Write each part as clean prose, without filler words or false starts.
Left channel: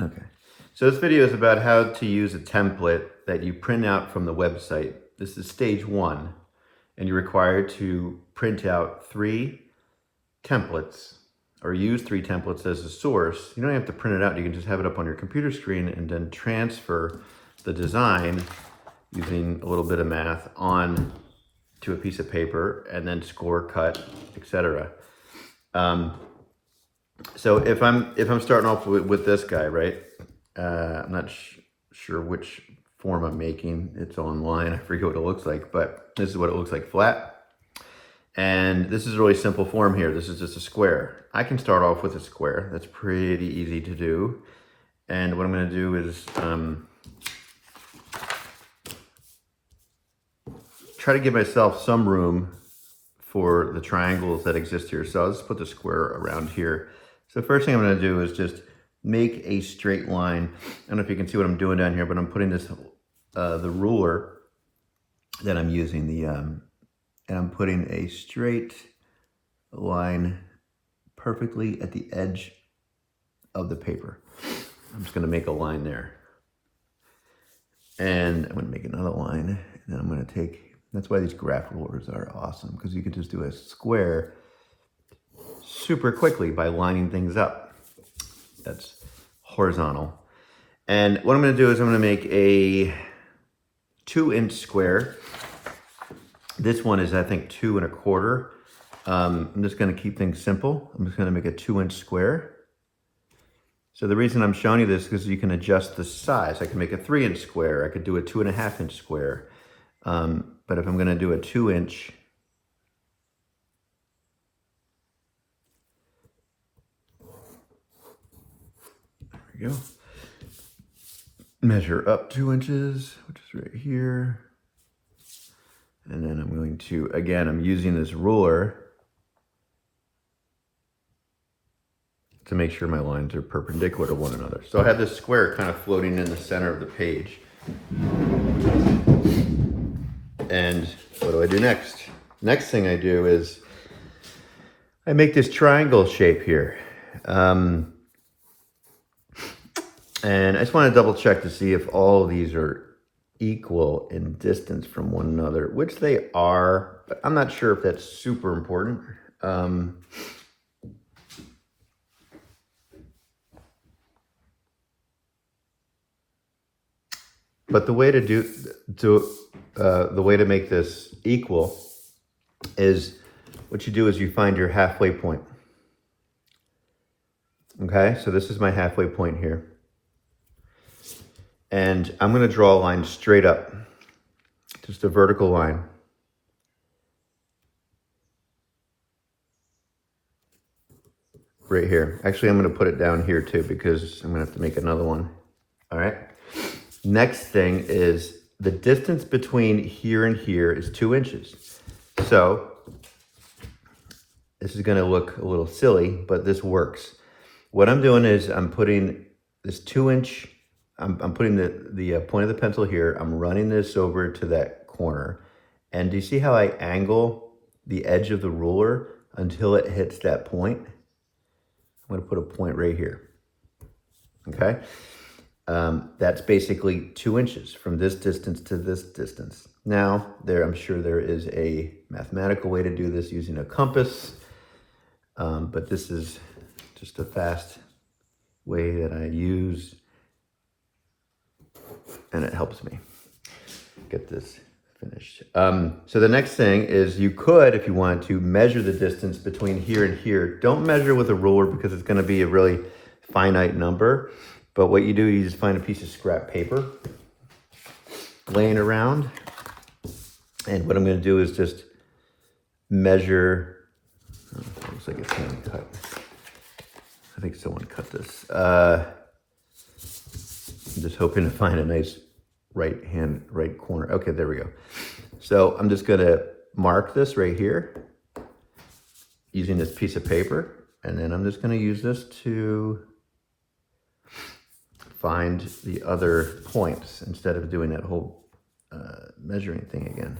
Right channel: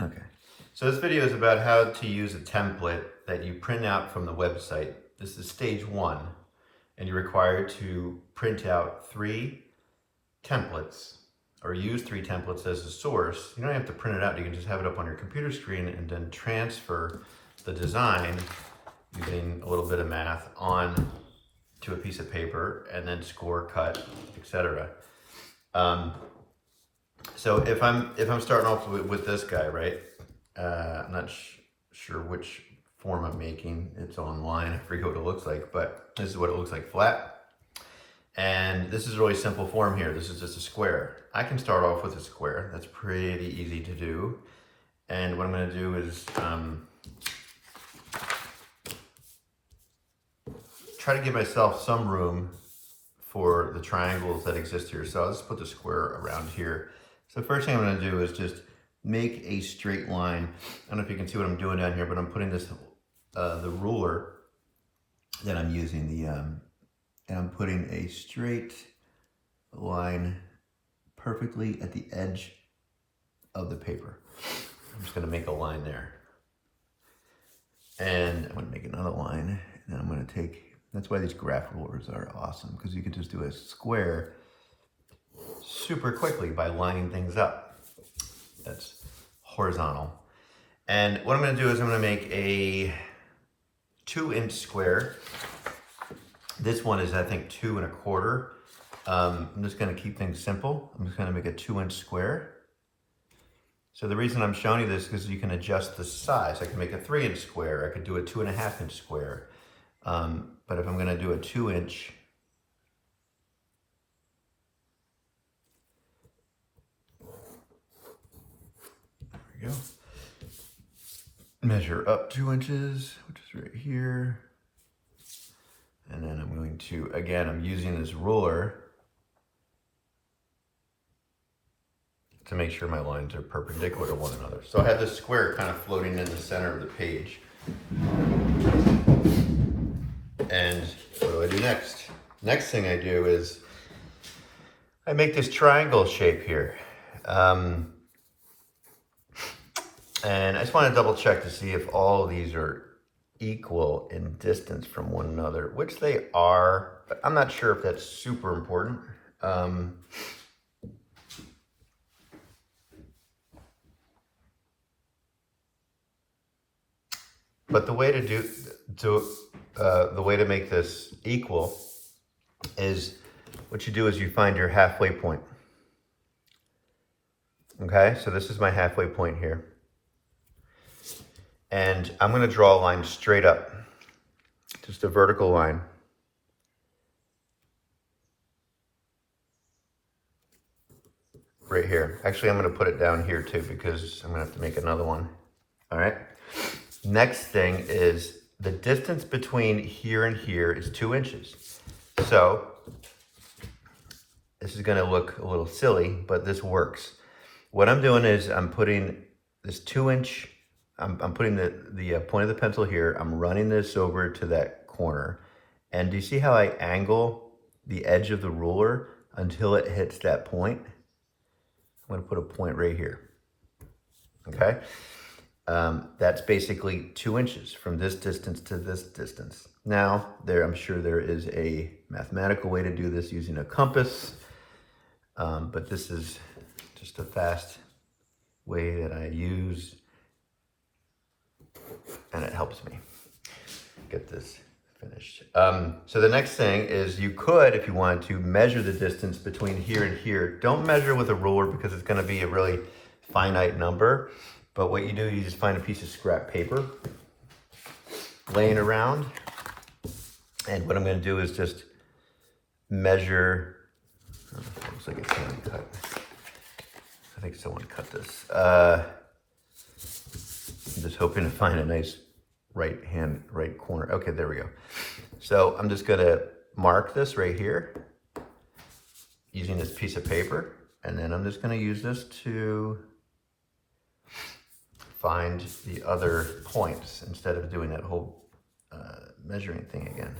Okay, so this video is about how to use a template that you print out from the website. This is stage 1, and you're required to print out 3 templates or use 3 templates as a source. You don't have to print it out, you can just have it up on your computer screen and then transfer the design using a little bit of math on to a piece of paper and then score, cut, etc. So if I'm starting off with this guy, right? I'm not sure which form I'm making. It's online. I forget what it looks like, but this is what it looks like flat. And this is a really simple form here. This is just a square. I can start off with a square. That's pretty easy to do. And what I'm going to do is try to give myself some room for the triangles that exist here. So I'll just put the square around here. So first thing I'm going to do is just make a straight line. I don't know if you can see what I'm doing down here, but I'm putting this the ruler that I'm using, and I'm putting a straight line perfectly at the edge of the paper. I'm just going to make a line there, and I'm going to make another line, and then I'm going to take. That's why these graph rulers are awesome, because you can just do a square super quickly by lining things up. That's horizontal. And what I'm going to do is I'm going to make a 2-inch square. This one is, I think, 2 1/4. I'm just going to keep things simple. I'm just going to make a 2-inch square. So the reason I'm showing you this is because you can adjust the size. I can make a 3-inch square. I could do a 2 1/2-inch square. But if I'm going to do a 2-inch, there we go. Measure up 2 inches, which is right here. And then I'm going to, again, I'm using this ruler to make sure my lines are perpendicular to one another. So I have this square kind of floating in the center of the page. And what do I do next? Next thing I do is I make this triangle shape here. And I just want to double check to see if all of these are equal in distance from one another, which they are, but I'm not sure if that's super important. But the way to the way to make this equal is what you do is you find your halfway point. Okay, so this is my halfway point here. And I'm going to draw a line straight up, just a vertical line. Right here. Actually, I'm going to put it down here too, because I'm going to have to make another one. All right. Next thing is the distance between here and here is 2 inches. So this is going to look a little silly, but this works. What I'm doing is I'm putting this 2-inch, I'm putting the point of the pencil here. I'm running this over to that corner. And do you see how I angle the edge of the ruler until it hits that point? I'm going to put a point right here. Okay. That's basically 2 inches from this distance to this distance. Now, I'm sure there is a mathematical way to do this using a compass, but this is just a fast way that I use, and it helps me get this finished. So the next thing is you could, if you wanted to, measure the distance between here and here. Don't measure with a ruler because it's going to be a really finite number. But what you do, you just find a piece of scrap paper laying around. And what I'm going to do is just measure. Oh, looks like it's kind of cut. I think someone cut this. I'm just hoping to find a nice right corner. Okay, there we go. So I'm just going to mark this right here using this piece of paper. And then I'm just going to use this to find the other points instead of doing that whole measuring thing again.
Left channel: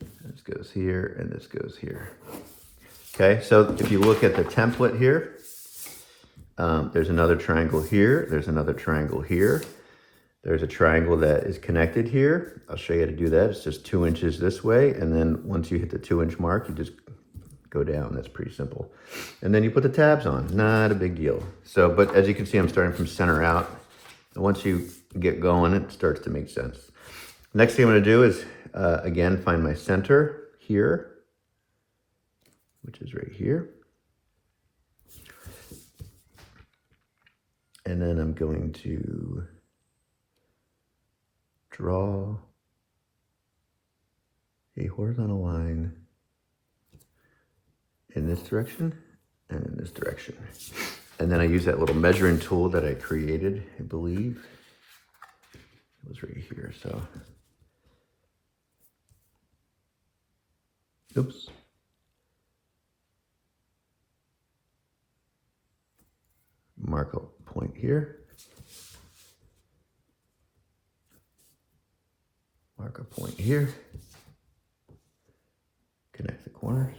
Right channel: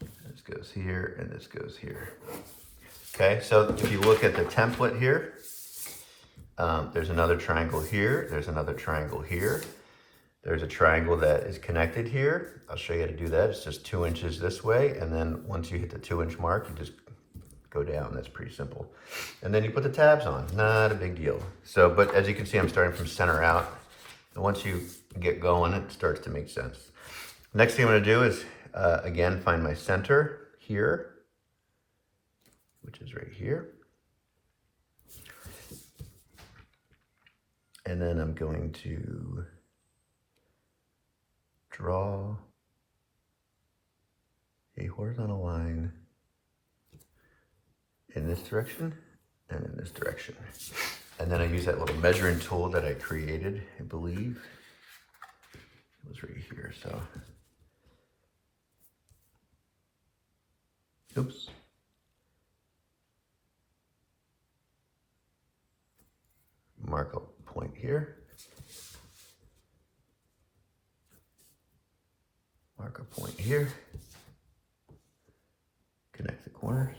This goes here and this goes here. Okay, so if you look at the template here, There's another triangle here. There's another triangle here. There's a triangle that is connected here. I'll show you how to do that. It's just 2 inches this way. And then once you hit the 2-inch mark, you just go down. That's pretty simple. And then you put the tabs on. Not a big deal. So, but as you can see, I'm starting from center out. And once you get going, it starts to make sense. Next thing I'm going to do is, again, find my center here, which is right here. And then I'm going to draw a horizontal line in this direction and in this direction. And then I use that little measuring tool that I created, I believe. It was right here, so. Oops. Mark a point here. Mark a point here. Connect the corners.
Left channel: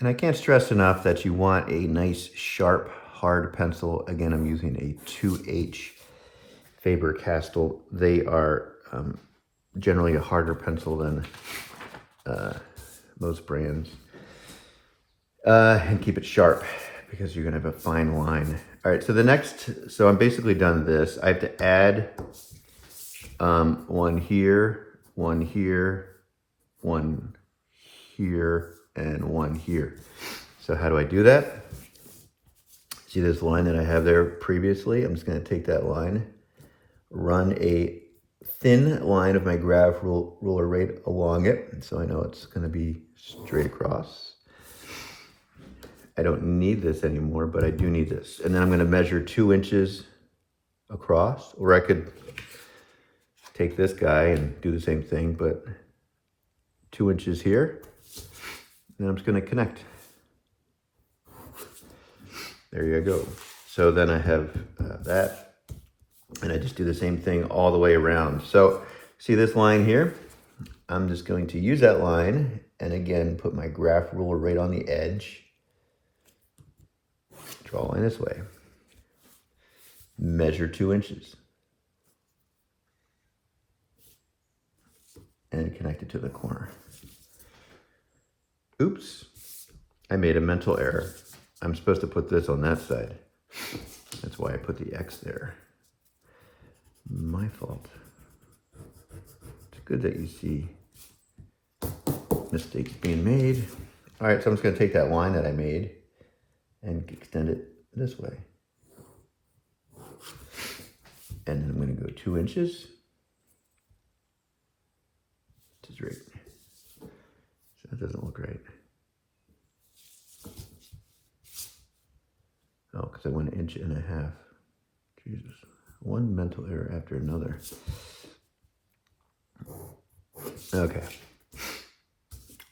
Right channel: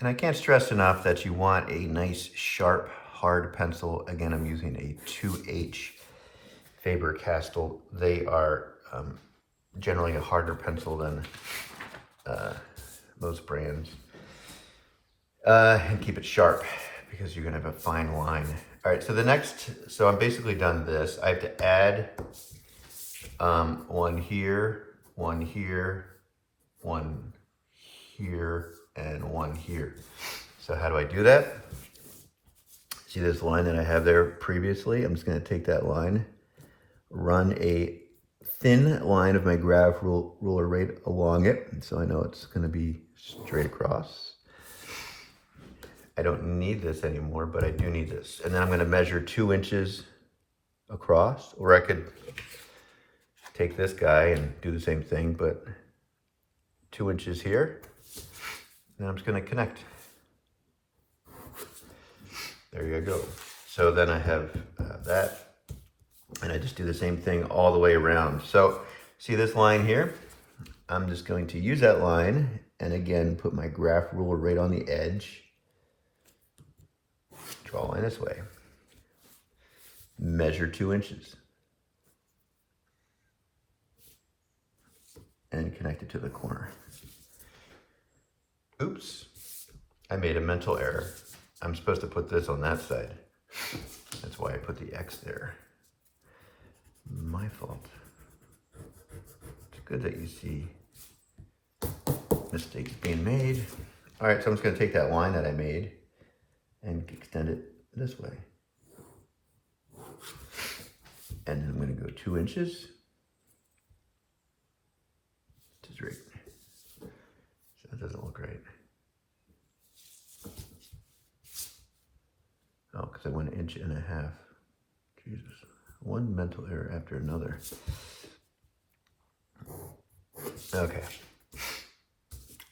And I can't stress enough that you want a nice, sharp, hard pencil. Again, I'm using a 2H Faber-Castell. They are generally a harder pencil than most brands. And keep it sharp because you're gonna have a fine line. All right, so so I'm basically done this. I have to add one here, one here, one here, and one here. So how do I do that? See this line that I have there previously? I'm just gonna take that line, run a thin line of my graph ruler right along it. So I know it's gonna be straight across. I don't need this anymore, but I do need this. And then I'm gonna measure 2 inches across, or I could take this guy and do the same thing, but 2 inches here. And I'm just gonna connect. There you go. So then I have that, and I just do the same thing all the way around. So see this line here? I'm just going to use that line, and again, put my graph ruler right on the edge. Draw a line this way. Measure 2 inches. And connect it to the corner. Oops, I made a mental error. I'm supposed to put this on that side. That's why I put the X there. My fault. It's good that you see mistakes being made. All right, so I'm just gonna take that line that I made and extend it this way. And I'm gonna go 2 inches. Which is right. That doesn't look right. Oh, because I went 1.5 inches. Jesus. One mental error after another. Okay.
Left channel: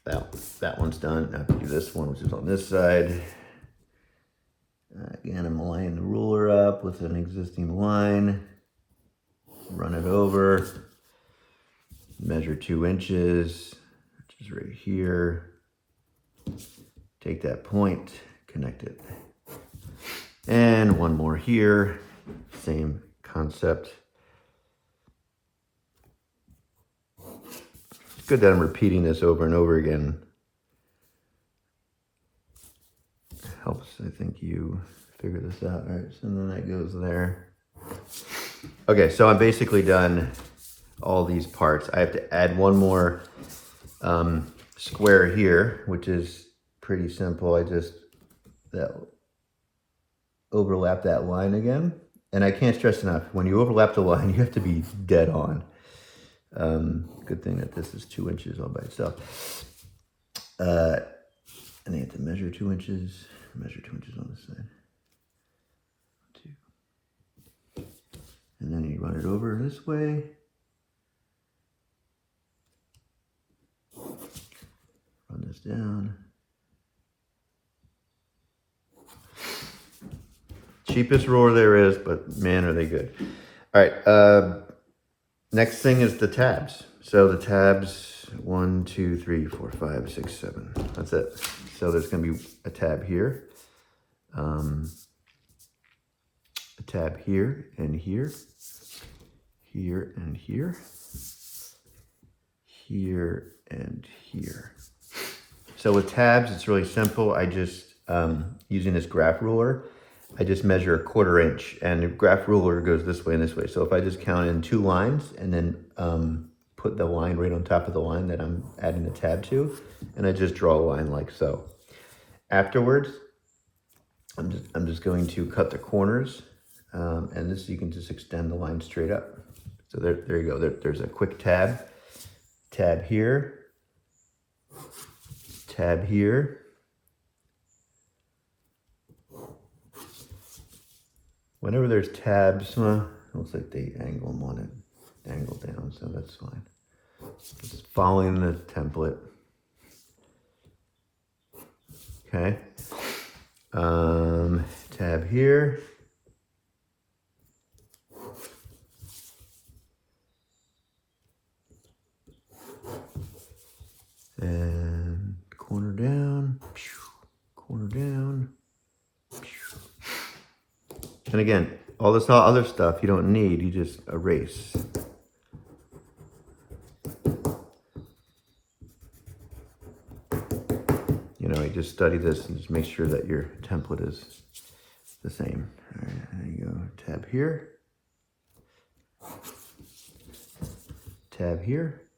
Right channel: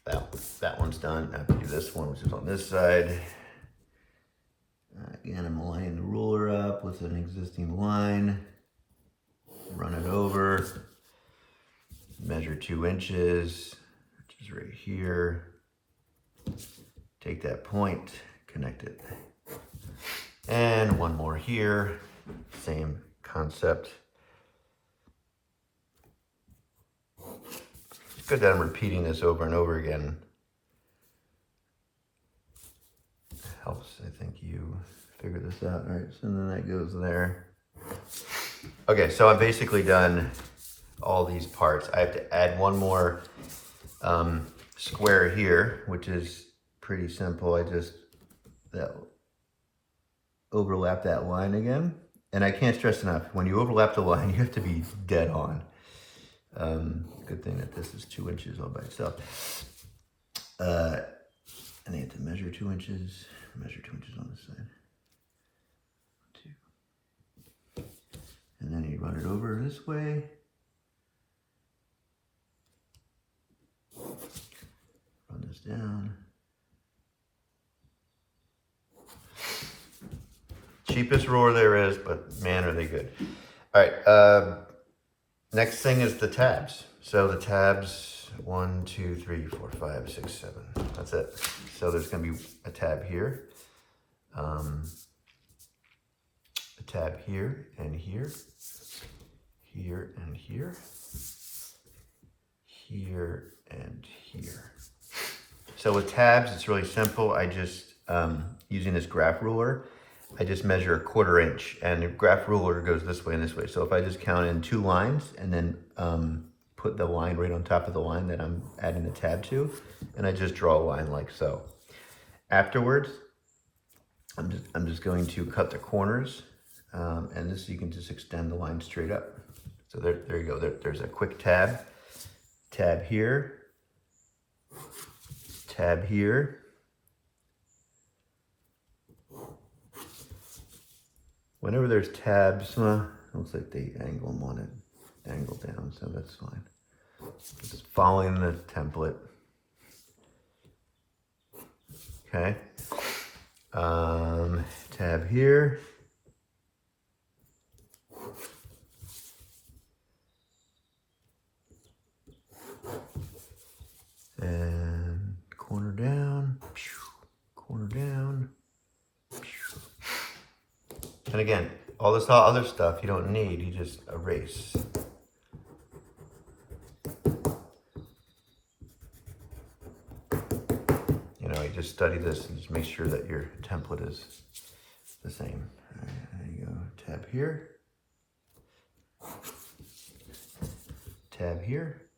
That one's done. Now I can do this one, which is on this side. Again, I'm lining the ruler up with an existing line. Run it over. Measure 2 inches, which is right here. Take that point, connect it. And one more here, same concept. It's good that I'm repeating this over and over again. It helps, I think, you figure this out. All right, so then that goes there. Okay, so I'm basically done all these parts. I have to add one more square here, which is pretty simple. I just overlap that line again. And I can't stress enough, when you overlap the line, you have to be dead on. Good thing that this is 2 inches all by itself. And you have to measure 2 inches, measure 2 inches on this side. 2. And then you run it over this way. Run this down. Cheapest roller there is, but man, are they good. All right, Next thing is the tabs. So the tabs, 1, 2, 3, 4, 5, 6, 7. That's it. So there's going to be a tab here, a tab here and here, here and here, here and here. So with tabs, it's really simple. I just, using this graph ruler, I just measure 1/4 inch, and the graph ruler goes this way and this way. So if I just count in 2 lines and then put the line right on top of the line that I'm adding the tab to, and I just draw a line like so. Afterwards, I'm just going to cut the corners, and this you can just extend the line straight up. So there you go. There's a quick tab here, tab here. Whenever there's tabs, looks like they angle them on it, angle down, so that's fine. Just following this template. Okay. Tab here. And corner down, corner down. And again, all this other stuff you don't need, you just erase. You know, you just study this and just make sure that your template is the same. All right, there you go. Tab here. Tab here.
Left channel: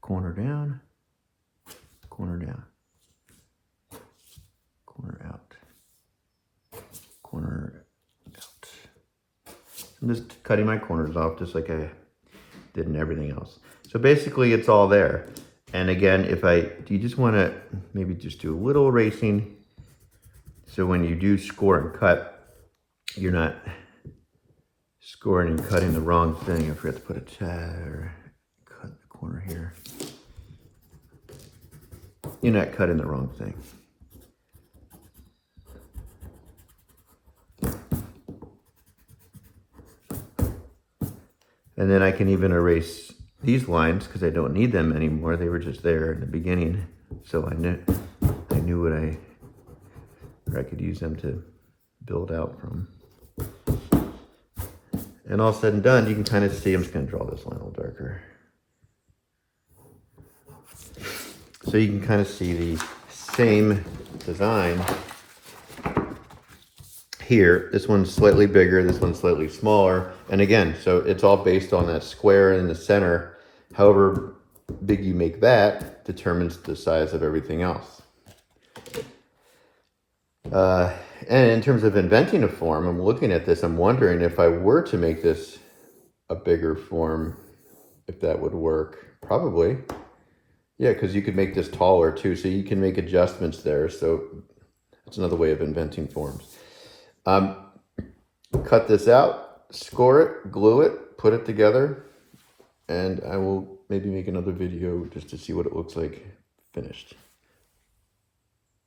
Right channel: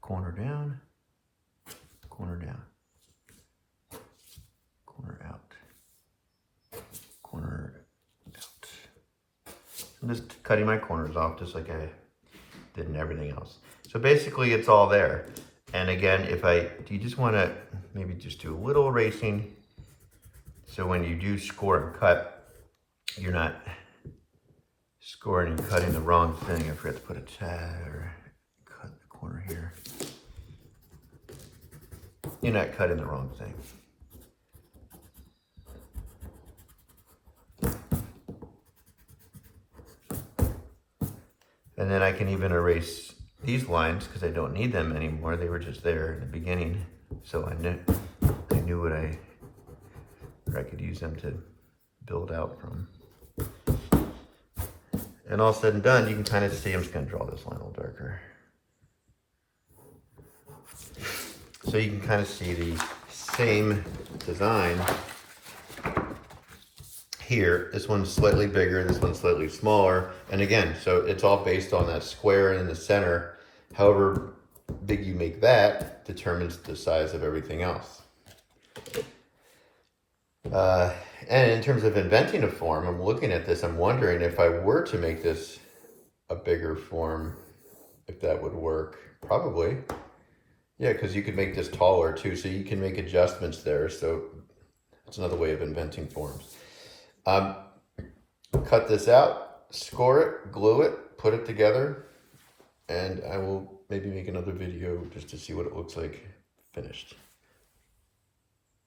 Corner down. Corner down. Corner out. Corner out. I'm just cutting my corners off just like I did in everything else. So basically it's all there. And again, you just want to maybe just do a little erasing, so when you do score and cut, you're not scoring and cutting the wrong thing. I forgot to put a tab, cut the corner here. You're not cutting the wrong thing. And then I can even erase these lines because I don't need them anymore. They were just there in the beginning. So I knew what I could use them to build out from. And all said and done, you can kind of see, I'm just going to draw this line a little darker. So you can kind of see the same design here. This one's slightly bigger, this one's slightly smaller. And again, so it's all based on that square in the center. However big you make that determines the size of everything else. And in terms of inventing a form, I'm looking at this, I'm wondering if I were to make this a bigger form, if that would work. Probably. Yeah, because you could make this taller too, so you can make adjustments there. So that's another way of inventing forms. Cut this out, score it, glue it, put it together, and I will maybe make another video just to see what it looks like finished.